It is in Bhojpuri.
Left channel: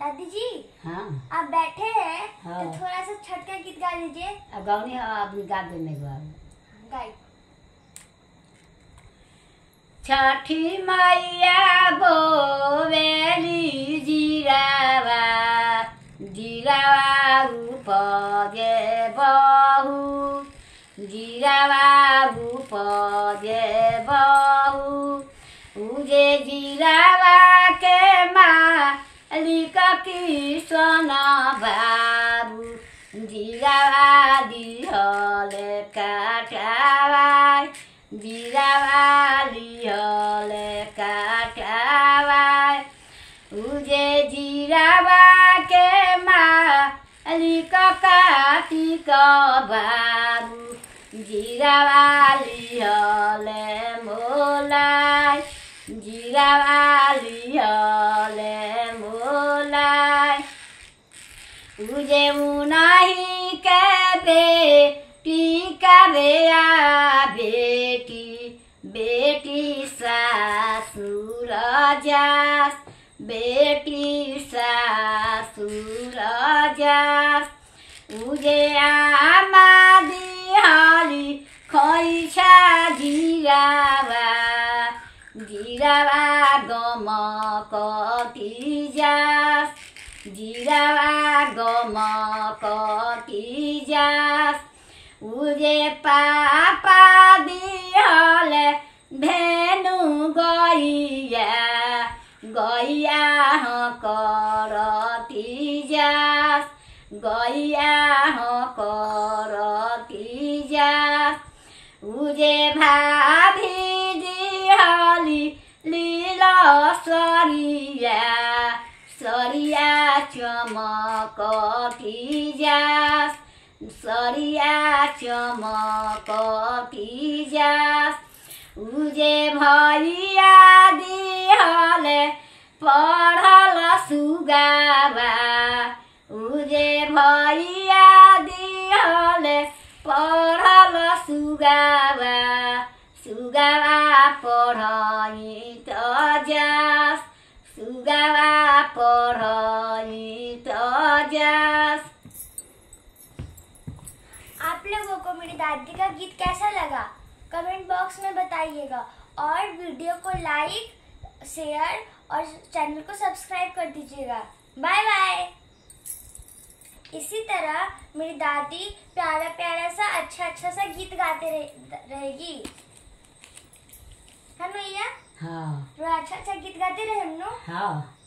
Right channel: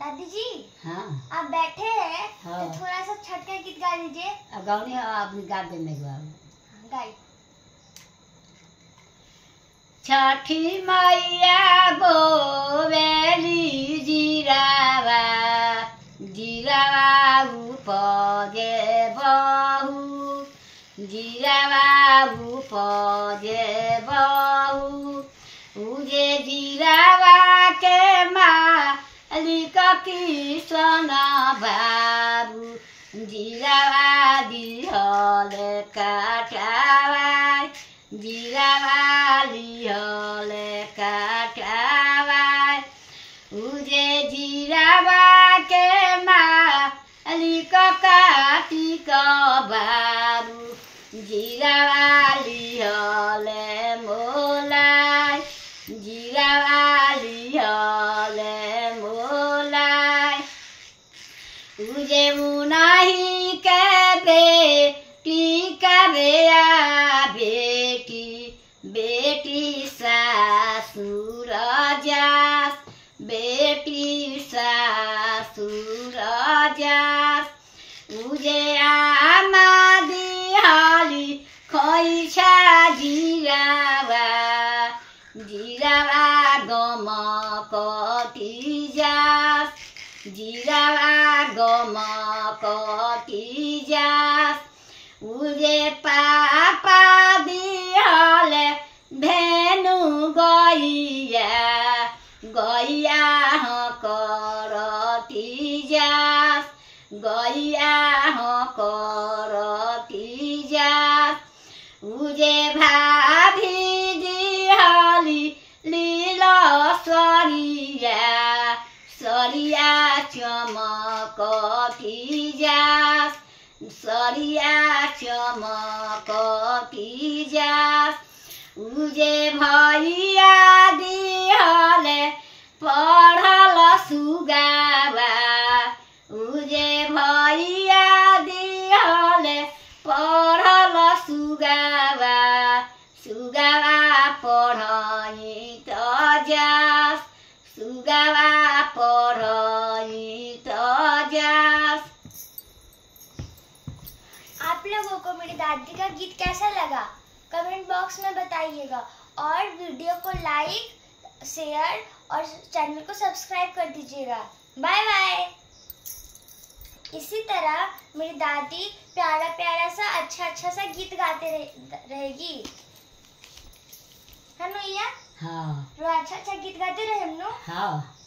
दादी जी। हाँ आप बैठे हैं हाँ। तो थोड़ा सा छठ का गीत गा दीजिए। अब गाँव अपनी गा देने गाई। छठी मैया बोवेली जीरावा जीरावा उपजे बहु जीरावा उपजे बहु उजे जीरावा के मालिक किसन बाबू जीरावा दिहले काटावा जीरावा दिहले काटावा उजे जीरावा के मालिक कार्तिक बाबू जीरावा दिहले मोलाई जीरावा दिहले मोलाई उजे मुनाही के बेटी का बेया बेटी बेटी सासुर जास बेटी सासुर जास उजे आमा दिहाली खैसा जीरावा जीरावा गम कति जास जीरावा गम कति जास उजे पापा दिहले भेनु गैया गैया करती जास गैया करती जास उजे भाभी दिहली लीला सरिया सरिया चमकती जास सरिया चमकती जास उजे भैया दिहले पढ़ल सुगावा उजे भैया दिहले पढ़ल सुगावा सुगावा पढ़ई त जास सुगावा पढ़ई त जास। आप लोगों को मेरी दादी का गीत कैसा लगा कमेंट बॉक्स में बताइएगा और वीडियो को लाइक शेयर और चैनल को सब्सक्राइब कर दीजिएगा। Bye bye. इसी तरह मेरी दादी प्यारा प्यारा सा अच्छा सा गीत गाते रहेगी है मैया। हाँ अच्छा गीत गाते रहे हम लोग। हाँ।